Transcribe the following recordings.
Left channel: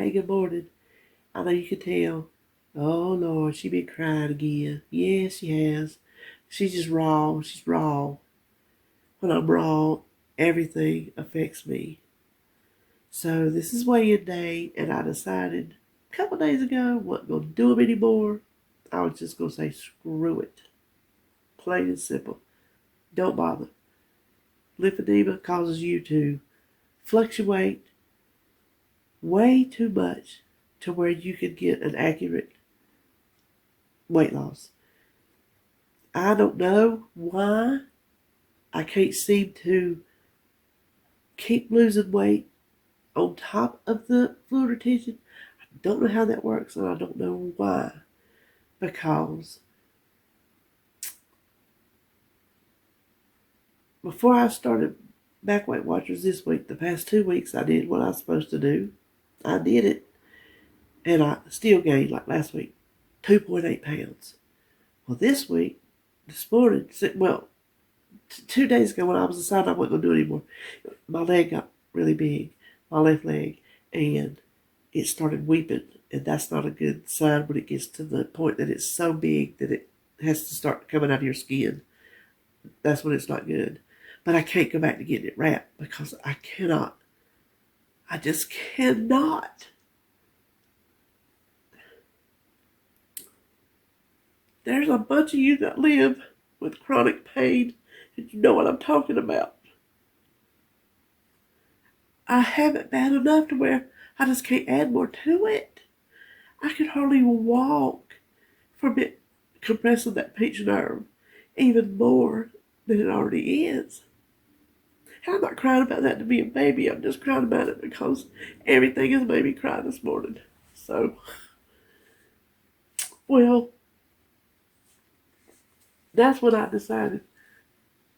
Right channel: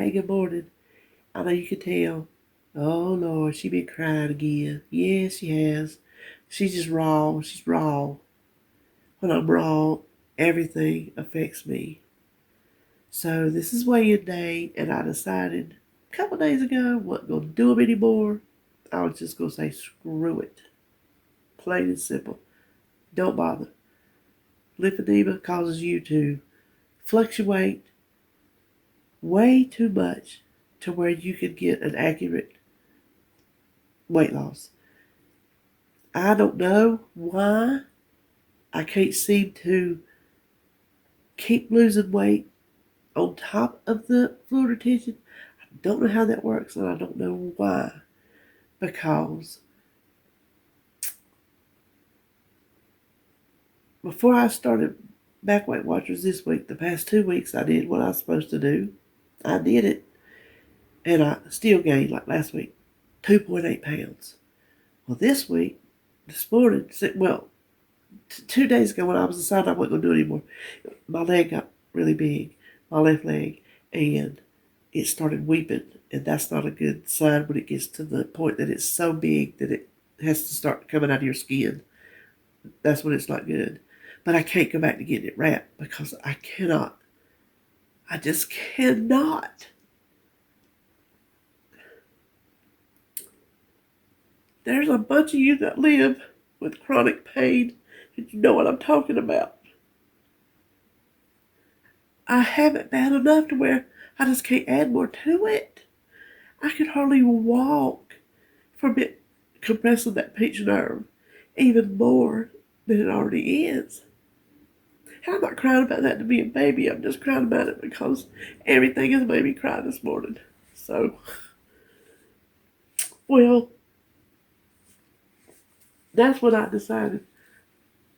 hey, good morning. I know you can tell. Oh, Lord, she been crying again. Yes, she has. She's just raw. She's raw. When I'm raw, everything affects me. So this is weigh-in day, and I decided a couple days ago I wasn't going to do them anymore. I was just going to say screw it. Plain and simple. Don't bother. Lymphedema causes you to fluctuate way too much to where you could get an accurate weight loss. I don't know why I can't seem to keep losing weight on top of the fluid retention. I don't know how that works, and I don't know why. Because before I started back Weight Watchers this week, the past 2 weeks I did what I was supposed to do. I did it, and I still gained, like last week, 2.8 pounds. Well, this morning, 2 days ago when I was deciding I wasn't going to do it anymore, my leg got really big, my left leg, and it started weeping, and that's not a good sign when it gets to the point that it's so big that it has to start coming out of your skin. That's when it's not good. But I can't go back to getting it wrapped because I cannot. I just cannot. There's a bunch of you that live with chronic pain, and you know what I'm talking about. I have it bad enough to where I just can't add more to it. I could hardly walk from it compressing that pinched nerve even more than it already is. And I'm not crying about that to be a baby. I'm just crying about it because everything has made me cry this morning. So, well, that's when I decided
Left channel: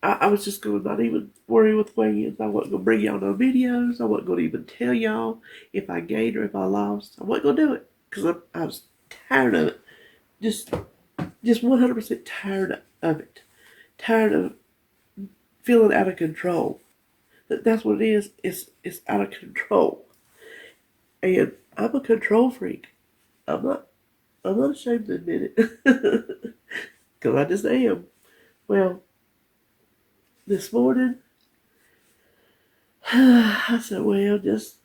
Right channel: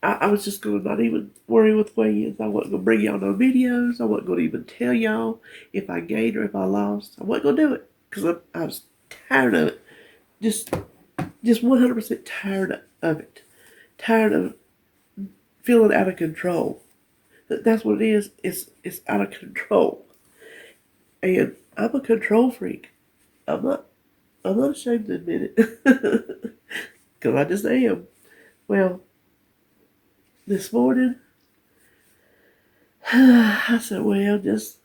I was just going to not even worry with weigh-ins. I wasn't going to bring y'all no videos. I wasn't going to even tell y'all if I gained or if I lost. I wasn't going to do it because I was tired of it. Just 100% tired of it. Tired of feeling out of control. That's what it is. It's out of control. And I'm a control freak. I'm not ashamed to admit it. Because I just am. Well, this morning, I said, well, just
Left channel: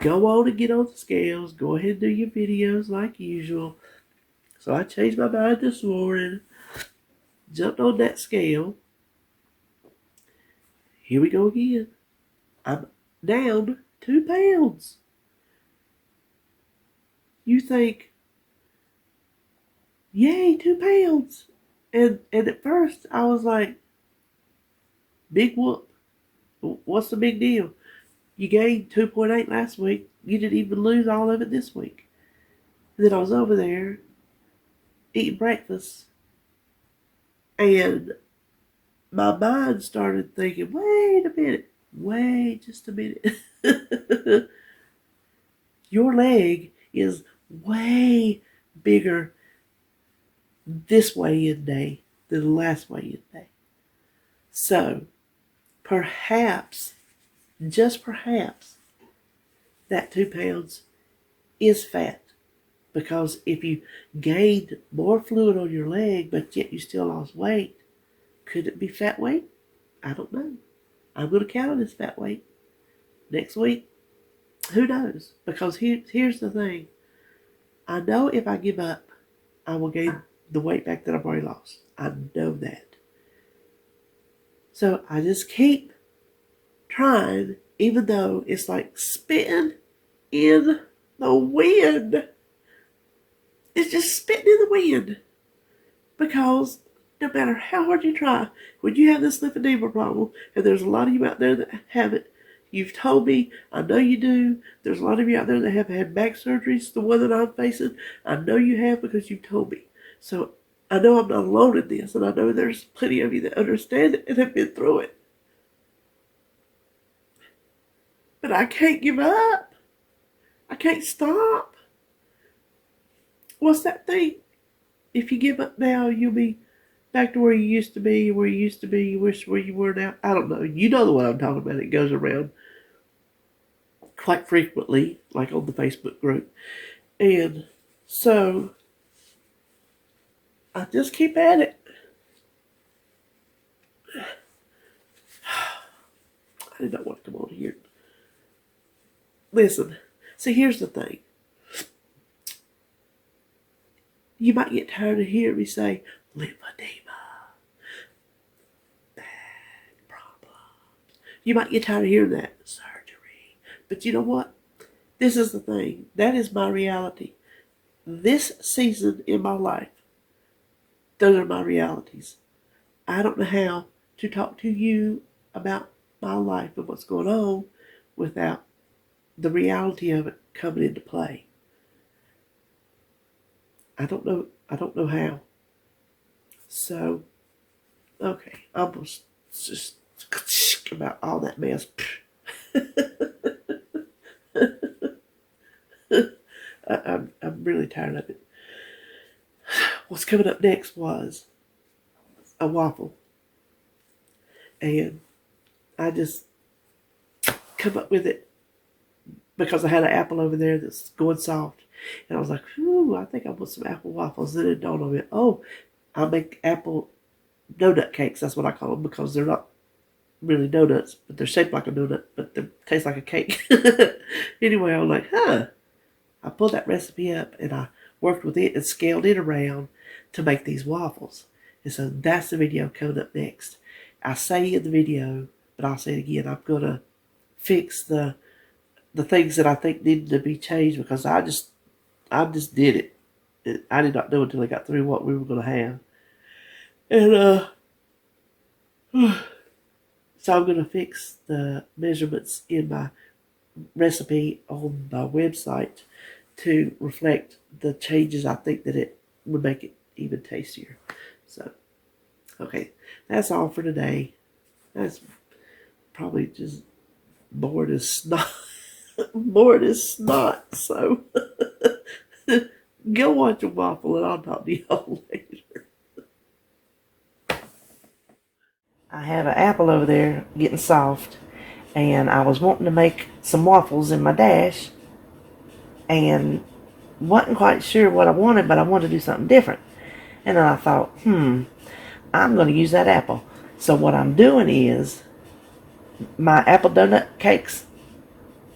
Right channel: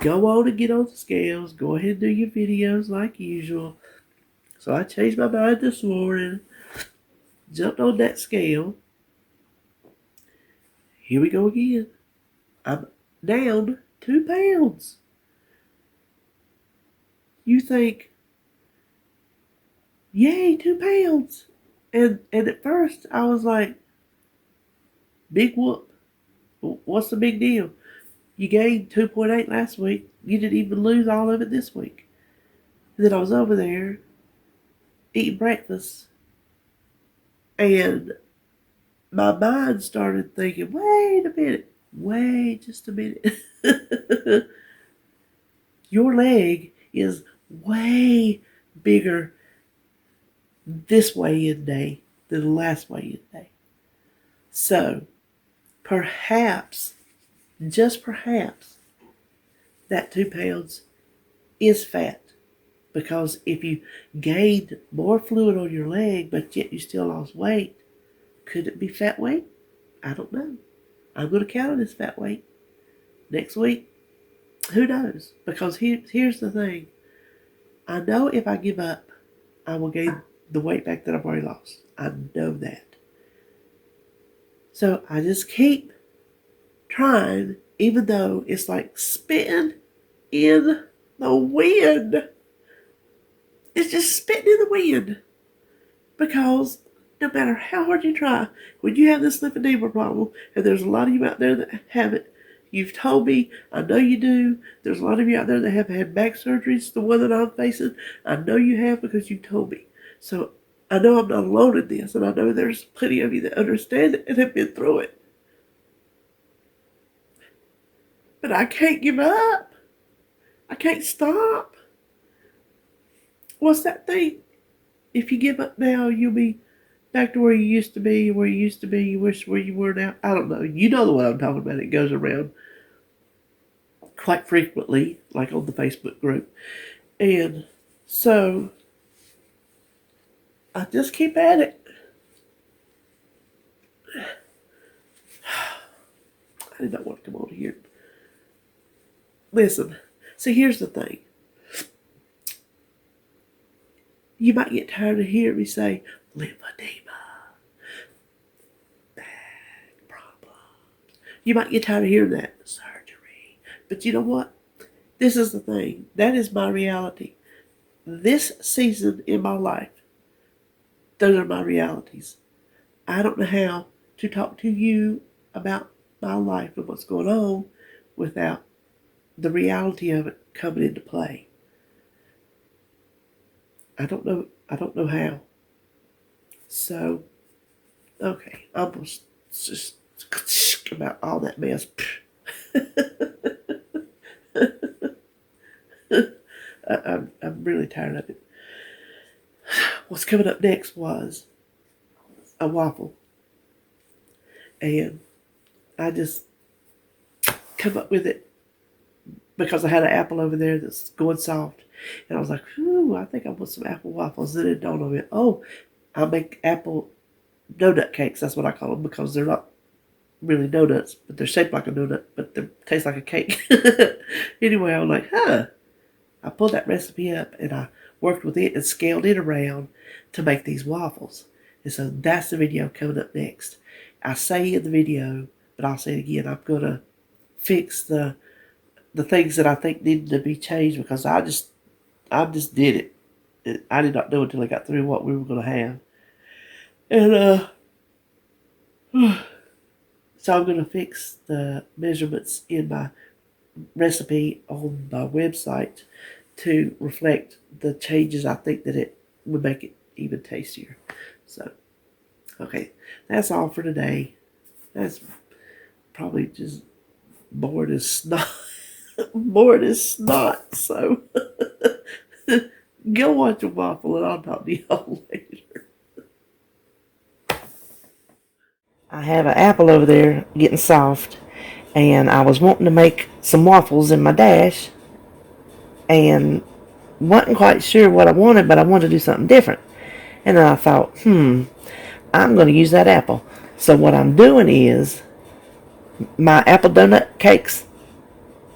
go on and get on the scales. Go ahead and do your videos like usual. So I changed my mind this morning. Jumped on that scale. Here we go again. I'm down 2 pounds. You think, yay, 2 pounds. And at first I was like, big whoop. What's the big deal? You gained 2.8 last week. You didn't even lose all of it this week. And then I was over there eating breakfast. And my mind started thinking, wait a minute. Wait just a minute. Your leg is way bigger this weigh-in day than the last weigh-in day. So, perhaps, just perhaps, that 2 pounds is fat. Because if you gained more fluid on your leg, but yet you still lost weight, could it be fat weight? I don't know. I'm going to count it as fat weight next week. Who knows? Because here's the thing. I know if I give up, I will gain the weight back that I've already lost. I know that. So I just keep trying, even though it's like spitting in the wind. It's just spitting in the wind. Because no matter how hard you try, when you have this lymphedema problem, and there's a lot of you out there that have it, you've told me, I know you do. There's a lot of you out there that have had back surgeries, the one that I'm facing. I know you have because you told me. So I know I'm not alone in this, and I know there's plenty of you that understand it and have been through it. But I can't give up. I can't stop. What's that thing? If you give up now, you'll be back to where you used to be, you wish where you were now. I don't know. You know the one I'm talking about. It goes around. quite frequently, like on the Facebook group. And so I just keep at it. I did not want to come on here. Listen, see, here's the thing. You might get tired of hearing me say, lymphedema, back problems. You might get tired of hearing that, surgery. But you know what? This is the thing. That is my reality. This season in my life, those are my realities. I don't know how to talk to you about my life and what's going on without the reality of it coming into play. I don't know how. So, okay, I'm going to just about all that mess. I'm really tired of it. What's coming up next was a waffle. And I just come up with it because I had an apple over there that's going soft. And I was like, ooh, I think I want some apple waffles. Then it dawned on me, oh, I make apple donut cakes. That's what I call them because they're not really donuts, but they're shaped like a donut, but they taste like a cake. Anyway, I was like, I pulled that recipe up and I worked with it and scaled it around to make these waffles. And so that's the video coming up next. I say in the video, but I'll say it again, I'm going to fix the things that I think needed to be changed because I just did it. I did not know until I got through what we were going to have. And so I'm going to fix the measurements in my recipe on my website to reflect the changes I think that it would make it even tastier. So, okay, that's all for today. That's probably just bored as snot. Bored as snot. So, go watch a waffle and I'll talk to y'all later. I have an apple over there getting soft, and I was wanting to make some waffles in my dash, and wasn't quite sure what I wanted, but I wanted to do something different. And then I thought, I'm going to use that apple. So what I'm doing is, my apple donut cakes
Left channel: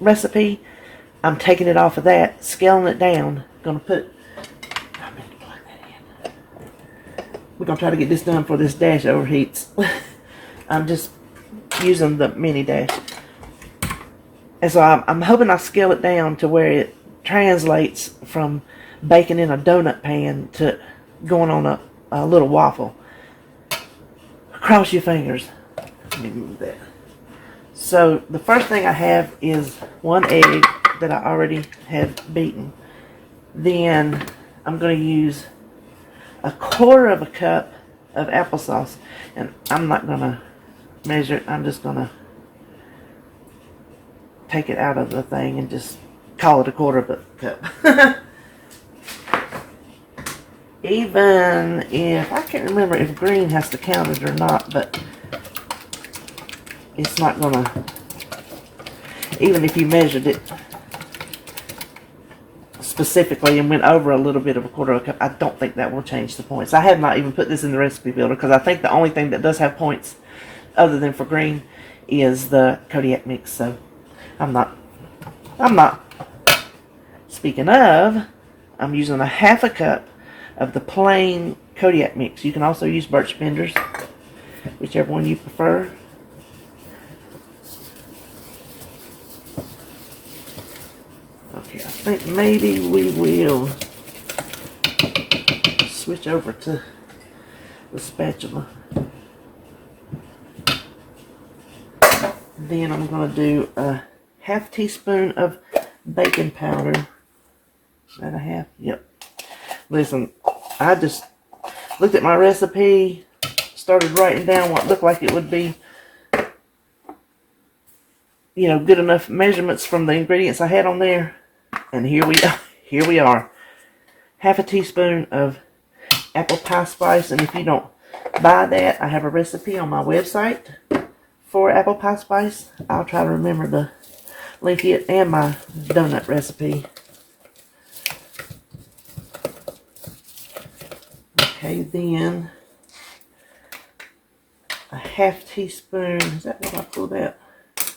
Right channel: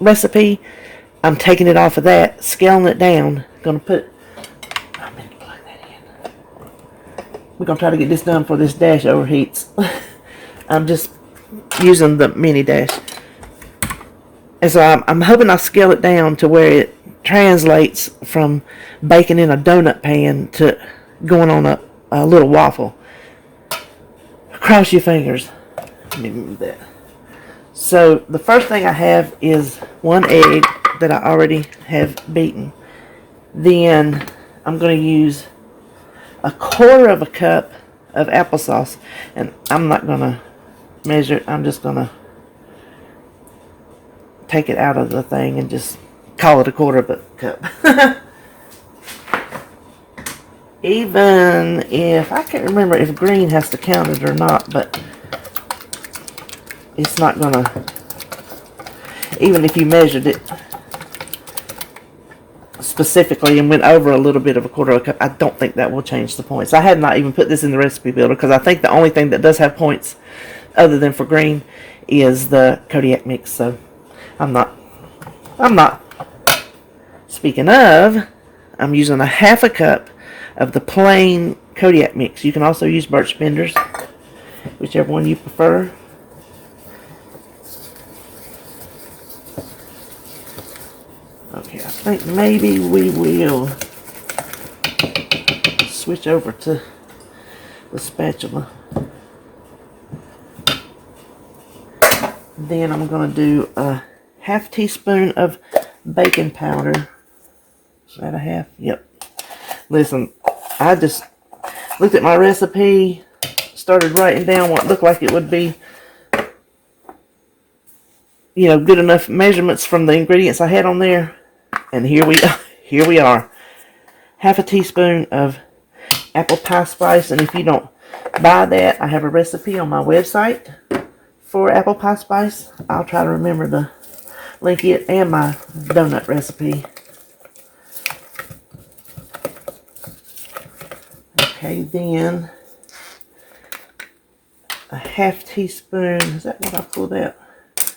recipe, I'm taking it off of that, scaling it down. I'm going to plug that in. We're going to try to get this done before this dash overheats. I'm just using the mini dash. And so I'm hoping I'll scale it down to where it translates from baking in a donut pan to going on a little waffle. Cross your fingers. Let me move that. So the first thing I have is one egg that I already have beaten. Then I'm going to use a quarter of a cup of applesauce. And I'm not going to measure it. I'm just going to take it out of the thing and just call it a quarter of a cup. Even if, I can't remember if green has to count it or not, but it's not gonna, even if you measured it specifically and went over a little bit of a quarter of a cup, I don't think that will change the points. I have not even put this in the recipe builder because I think the only thing that does have points other than for green is the Kodiak mix. So I'm not. Speaking of, I'm using a half a cup of the plain Kodiak mix. You can also use birch benders, whichever one you prefer. Okay, I think maybe we will switch over to the spatula. Then I'm going to do a half teaspoon of baking powder. Is that a half? Yep. Listen, I just looked at my recipe, started writing down what looked like it would be, good enough measurements from the ingredients I had on there. And here we are. Half a teaspoon of apple pie spice. And if you don't buy that, I have a recipe on my website for apple pie spice. I'll try to remember the link it and my donut recipe. Okay, then a half teaspoon. Is that what I pulled out?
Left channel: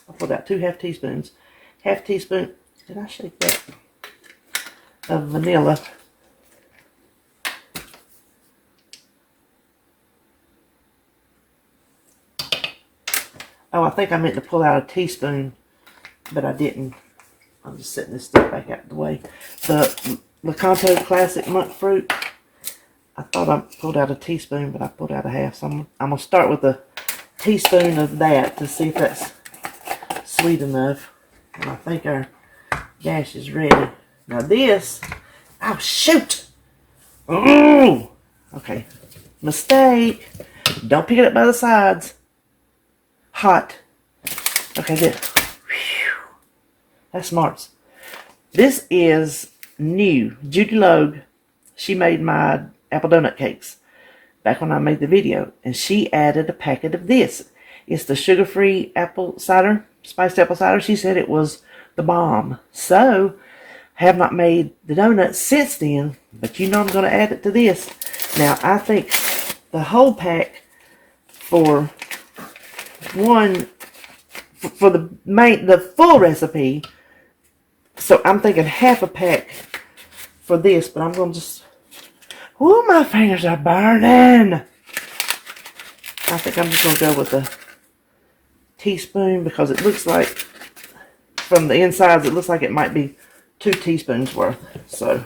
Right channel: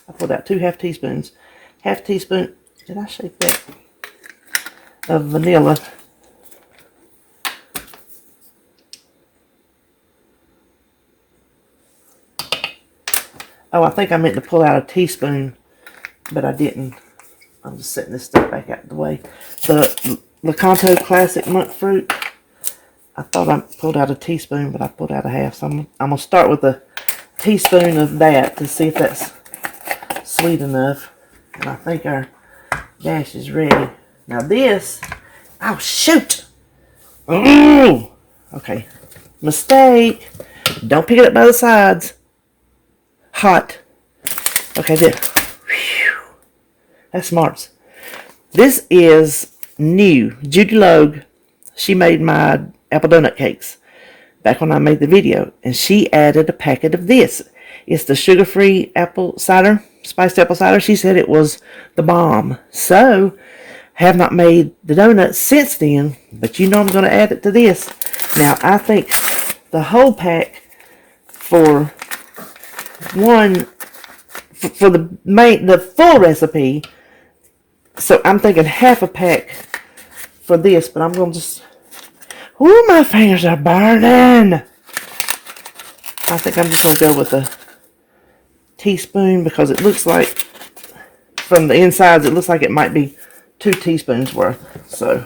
I pulled out 2 half teaspoons. Half teaspoon. Did I shake that? Of vanilla. Oh, I think I meant to pull out a teaspoon, but I didn't. I'm just setting this stuff back out of the way. The Lakanto Classic Monk Fruit. I thought I pulled out a teaspoon, but I pulled out a half. So I'm going to start with a teaspoon of that to see if that's sweet enough. And I think our dash is ready. Now this, oh shoot! Ooh! Okay, mistake. Don't pick it up by the sides. Hot. Okay, there. Whew. That's smarts. This is new. Judy Logue, she made my apple donut cakes back when I made the video, and she added a packet of this. It's the sugar-free apple cider, spiced apple cider. She said it was the bomb. So, have not made the donuts since then, but you know I'm going to add it to this. Now, I think the whole pack for the full recipe, so I'm thinking half a pack for this, but I'm going to just, ooh, my fingers are burning. I think I'm just going to go with a teaspoon because it looks like, from the insides, it looks like it might be 2 teaspoons worth. So,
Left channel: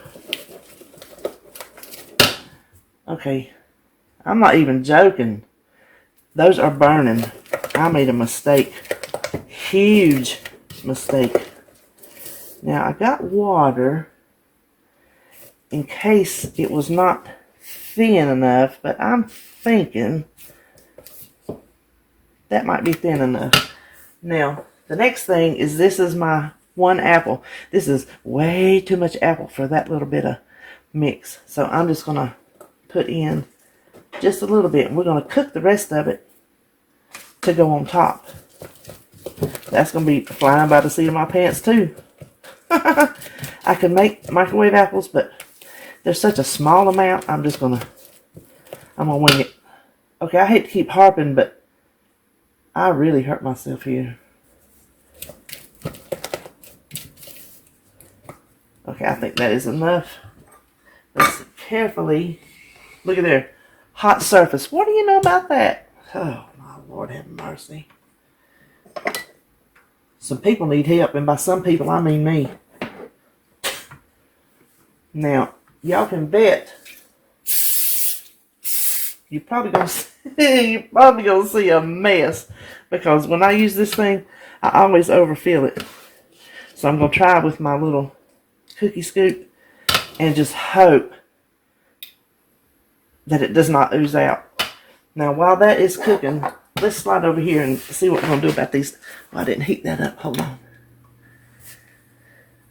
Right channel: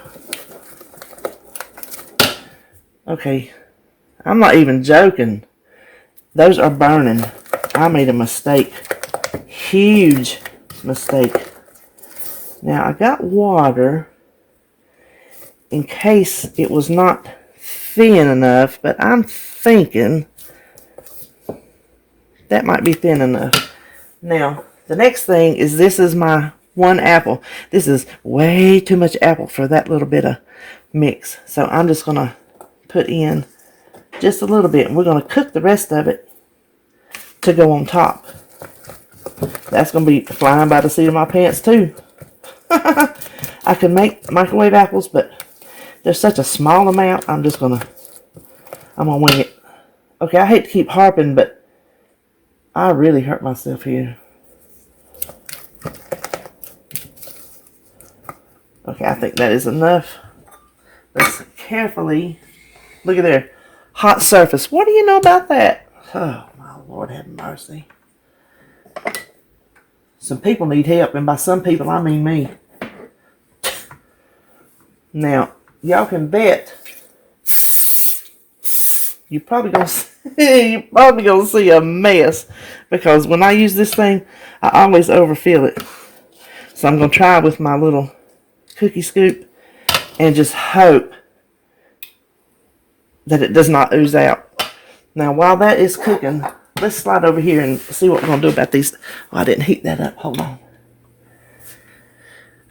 okay, I'm not even joking. Those are burning. I made a mistake. Huge mistake. Now, I got water in case it was not thin enough, but I'm thinking that might be thin enough. Now, the next thing is this is my 1 apple. This is way too much apple for that little bit of mix. So I'm just going to put in just a little bit. And we're going to cook the rest of it to go on top. That's going to be flying by the seat of my pants too. I can make microwave apples, but there's such a small amount. I'm going to wing it. Okay, I hate to keep harping, but I really hurt myself here. Okay, I think that is enough. Let's carefully, look at there, hot surface. What do you know about that? Oh, my Lord have mercy. Some people need help, and by some people, I mean me. Now, y'all can bet you're probably gonna see a mess, because when I use this thing, I always overfill it. So I'm gonna try with my little cookie scoop and just hope that it does not ooze out. Now, while that is cooking, let's slide over here and see what we're gonna do about these. Oh, I didn't heat that up. Hold on.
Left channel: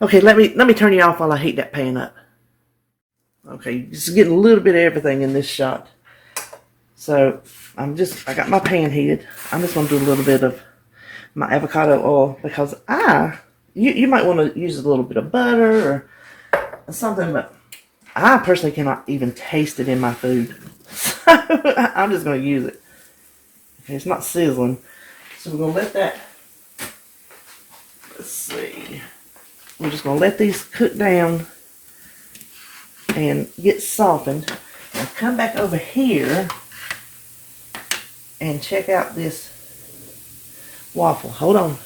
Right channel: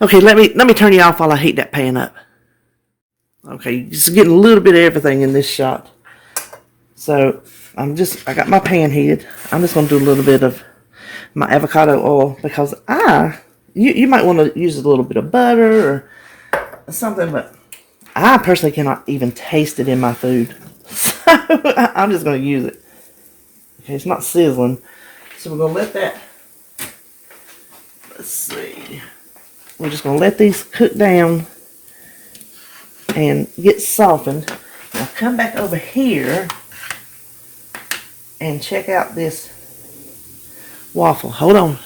Okay, let me turn you off while I heat that pan up. Okay, just getting a little bit of everything in this shot. So I got my pan heated. I'm just gonna do a little bit of my avocado oil, because you might want to use a little bit of butter or something, but I personally cannot even taste it in my food. So I'm just going to use it. Okay, it's not sizzling. So we're going to let that, let's see. We're just going to let these cook down and get softened. Now come back over here and check out this waffle. Hold on.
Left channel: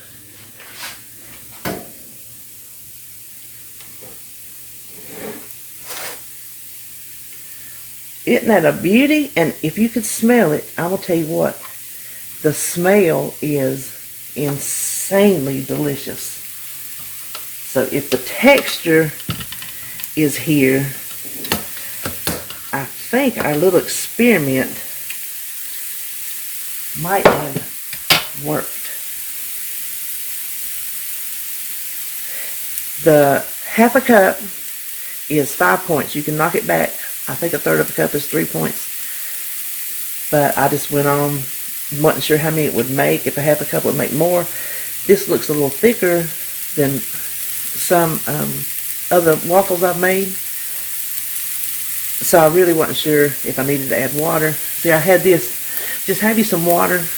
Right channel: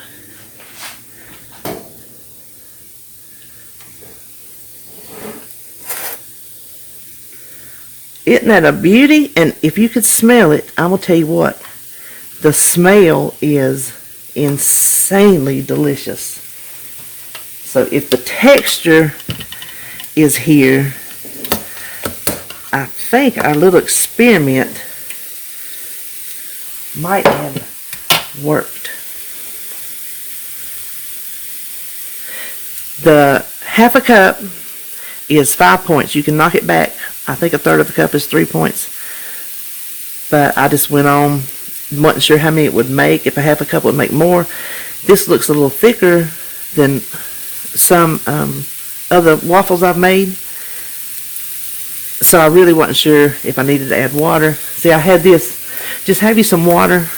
Isn't that a beauty? And if you could smell it, I'm going to tell you what. The smell is insanely delicious. So if the texture is here, I think our little experiment might have worked. The half a cup is 5 points. You can knock it back. I think a third of a cup is 3 points. But I just went on, wasn't sure how many it would make. If a half a cup would make more. This looks a little thicker than some other waffles I've made. So I really wasn't sure if I needed to add water. See, I had this. Just have you some water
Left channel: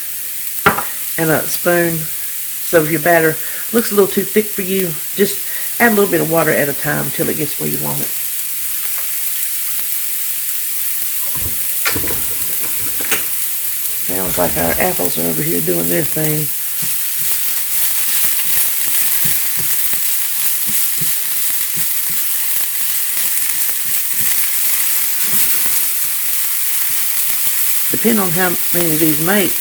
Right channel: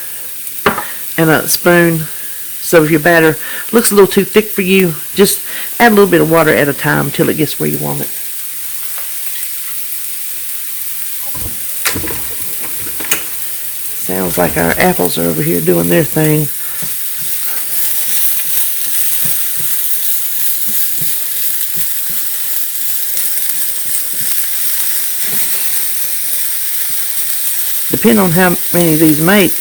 and a spoon. So if your batter looks a little too thick for you, just add a little bit of water at a time until it gets where you want it. Sounds like our apples are over here doing their thing. Depending on how many of these make,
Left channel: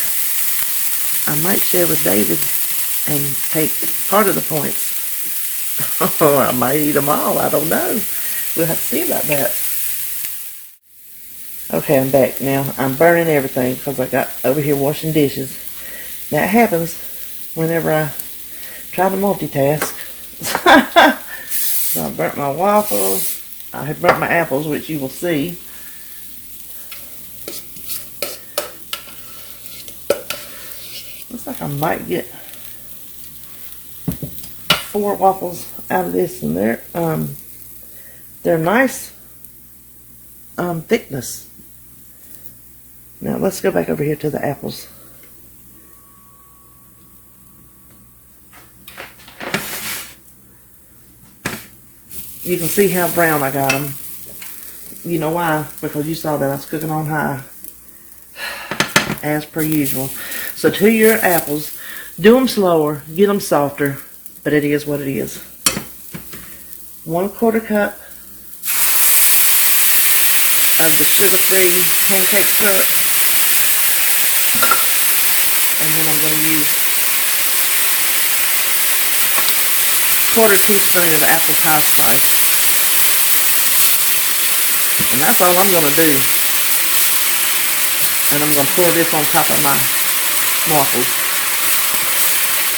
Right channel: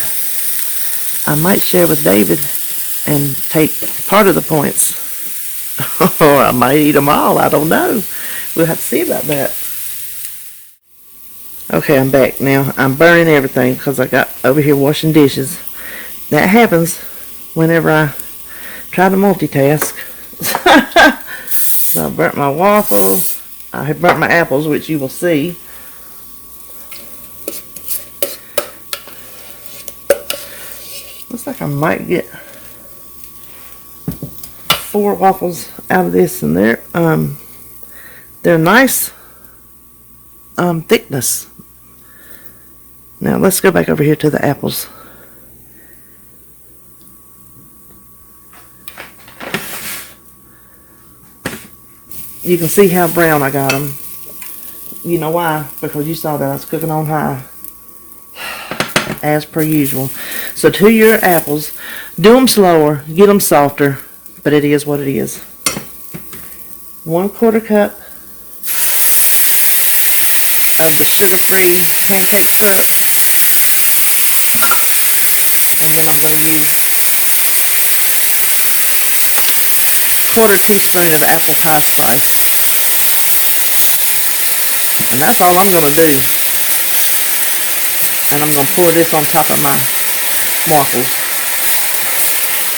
I might share with David and take part of the points. Or I might eat them all. I don't know. We'll have to see about that. Okay, I'm back now. I'm burning everything because I got over here washing dishes. That happens whenever I try to multitask. So I burnt my waffles. I have burnt my apples, which you will see. Looks like I might get 4 waffles out of this, and they're nice thickness. Now let's go back over here to the apples. You can see how brown I got them. You know why? Because you saw that I was cooking on high, as per usual. So to your apples, do them slower, get them softer, but it is what it is. 1/4 cup of the sugar-free pancake syrup, and then I'm going to use 1/4 teaspoon of apple pie spice, and that's all I'm going to do. And I'm going to pour this on top of my waffles.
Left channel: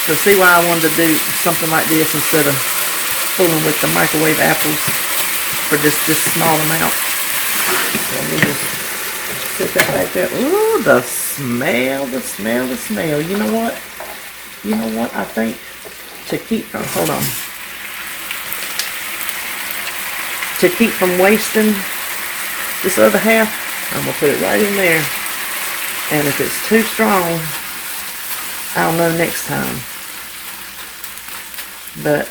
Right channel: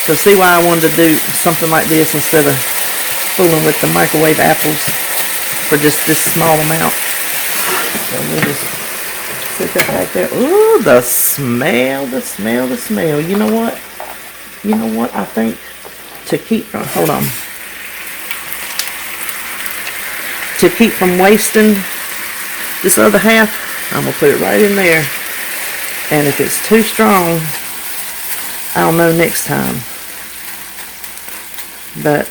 So see why I wanted to do something like this instead of fooling with the microwave apples for just this small amount. So we'll just sit that right there. Ooh, the smell, the smell, the smell. You know what? You know what? I think to keep from, hold on. To keep from wasting this other half, I'm going to put it right in there. And if it's too strong, I'll know next time. But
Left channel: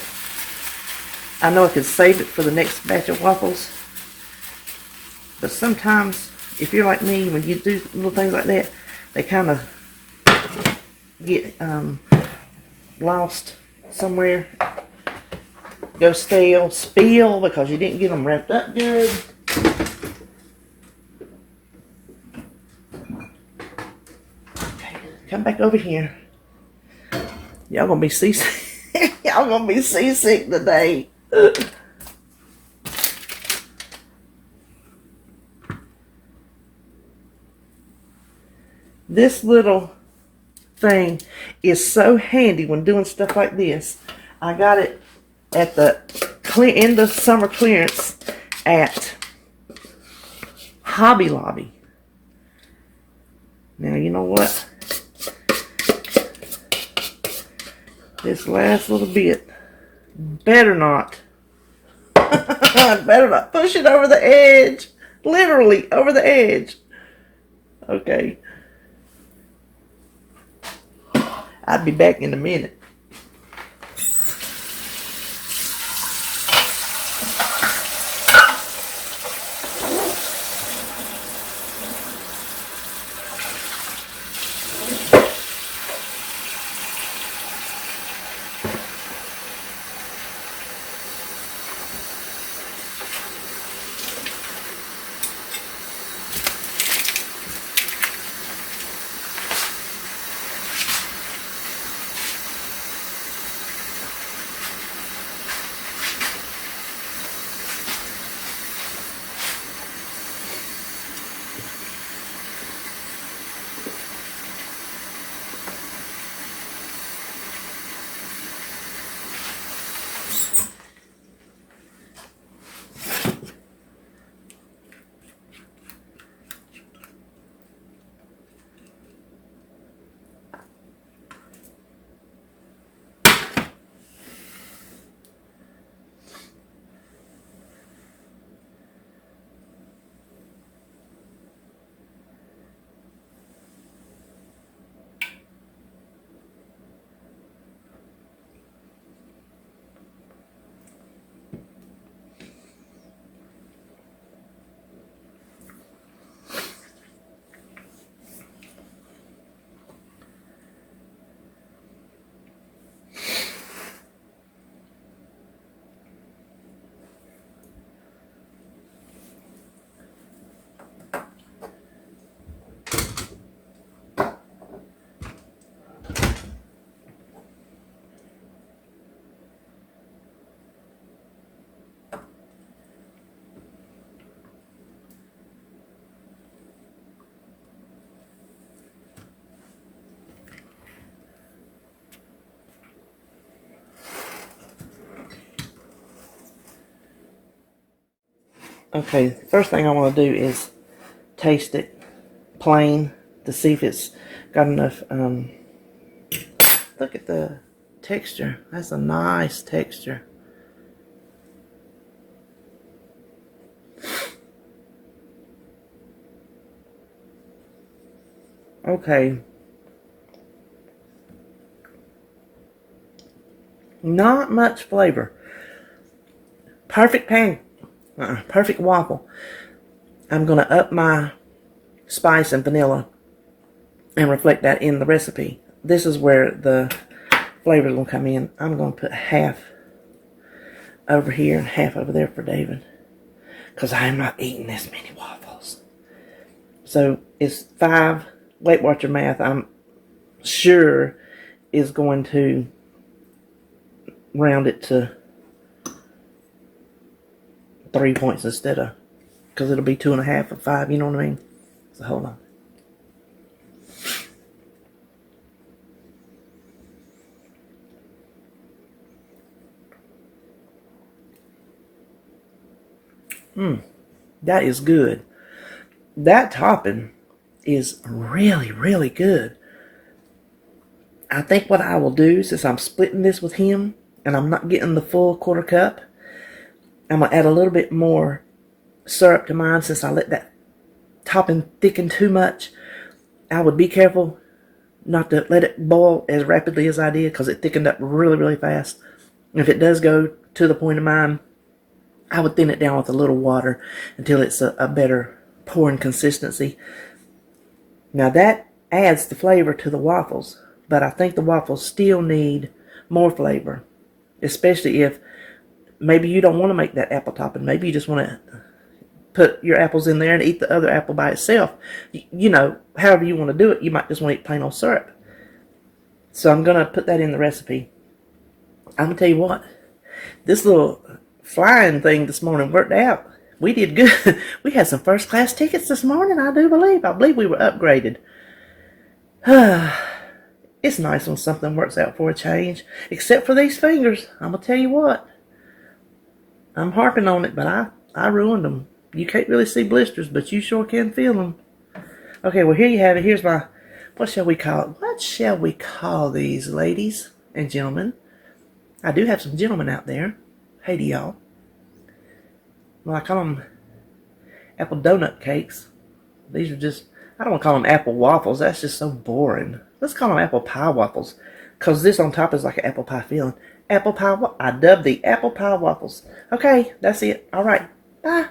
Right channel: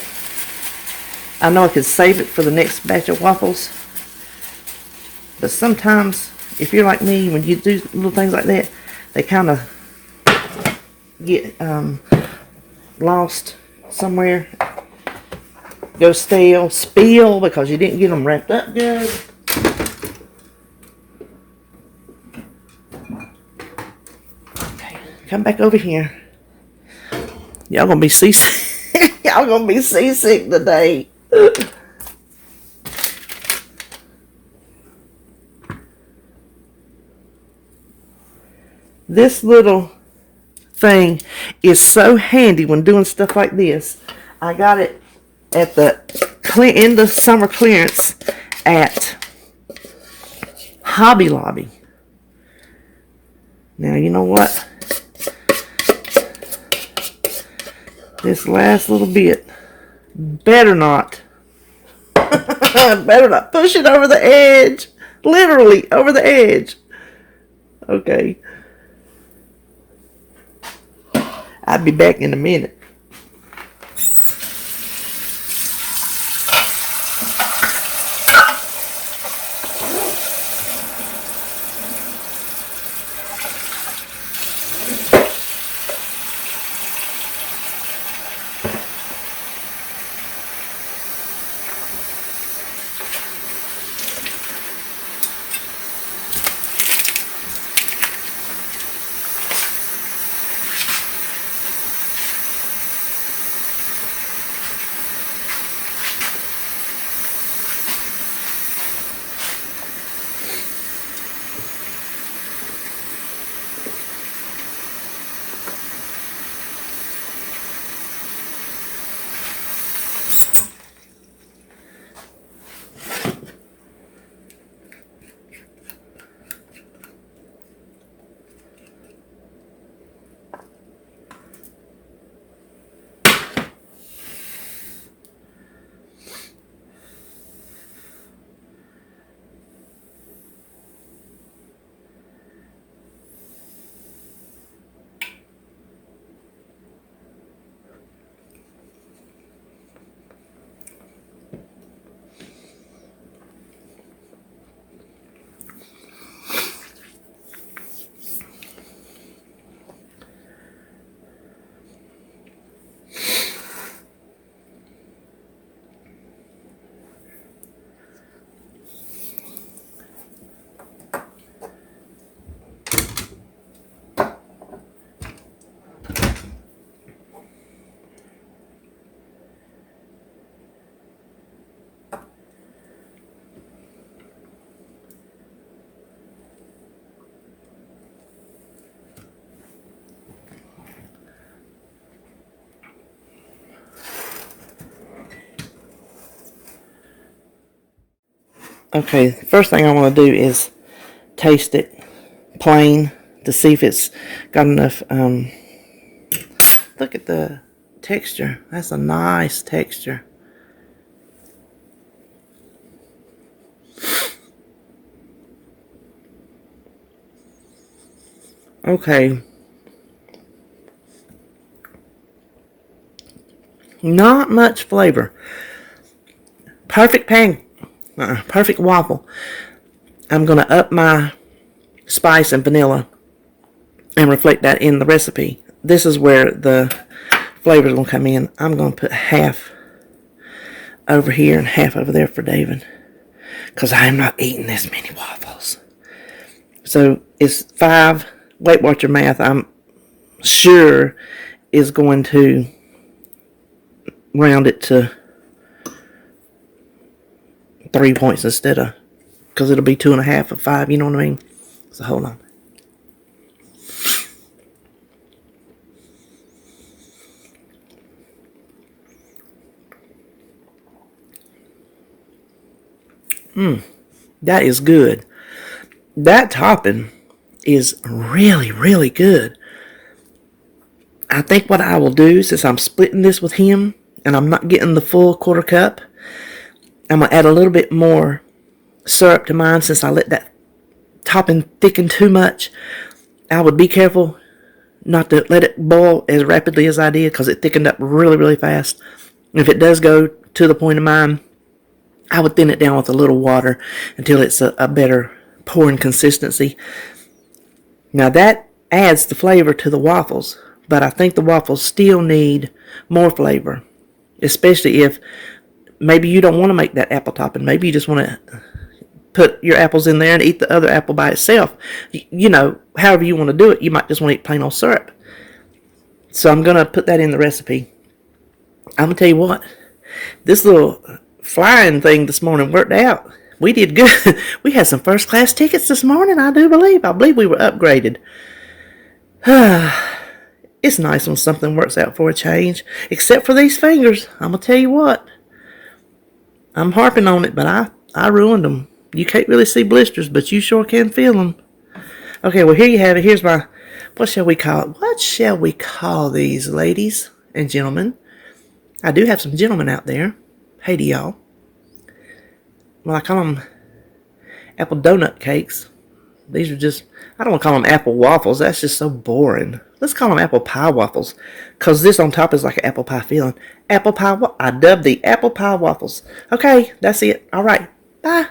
I know I could save it for the next batch of waffles. But sometimes, if you're like me, when you do little things like that, they kind of get lost somewhere. Go stale, spill because you didn't get them wrapped up good. Come back over here. Y'all gonna be seasick. Y'all gonna be seasick today. This little thing is so handy when doing stuff like this. I got it at the end of summer clearance at Hobby Lobby. Now you know what? This last little bit, better not push it over the edge. Literally over the edge. Okay. I'll be back in a minute. Okay, first thing I want to do is taste it plain to see if it's got enough. Look at the texture. That's a nice texture. Okay. Not much flavor. Perfect perfect waffle. I'm going to up my spice and vanilla and reflect that in the recipe. This is where the flavors will come in. I'm going to put half over here and half over there for David, because I am not eating this many waffles. So it's 5. Weight Watcher math, I'm sure, is going to round it to 3 points instead of, because it'll be 2.5 of 5, you know what I mean? So hold on. That is good. That topping is really, really good. I think what I will do, since I'm splitting this with him and I'm not getting the full 1/4 cup, I'm going to add a little bit more syrup to mine since I let that topping thicken too much. I would be careful not to let it boil as rapidly as I did, because it thickened up really, really fast. If it does go to the point of mine, I would thin it down with a little water until it's a better pouring consistency. Now that adds the flavor to the waffles, but I think the waffles still need more flavor, especially if maybe you don't want to make that apple topping. Maybe you just want to put your apples in there and eat the other apple by itself. You know, however you want to do it. You might just want to eat plain old syrup. So I'm going to put that in the recipe. I'm going to tell you what, this little flying thing this morning worked out. We did good. We had some first class tickets this morning, I believe we were upgraded. It's nice when something works out for a change. Except for these fingers. I'm going to tell you what. I'm harping on it, but I ruined them. You can't really see blisters, but you sure can feel them. Okay, well, here you have it. Here's my, what shall we call it? What shall we call these, ladies and gentlemen? I do have some gentlemen out there. Hey to y'all. Well, I call them apple donut cakes. These are just, I don't want to call them apple waffles. That's just so boring. Let's call them apple pie waffles, because this on top is like an apple pie filling. Apple pie, I dubbed the apple pie waffles. Okay, that's it. All right. Bye.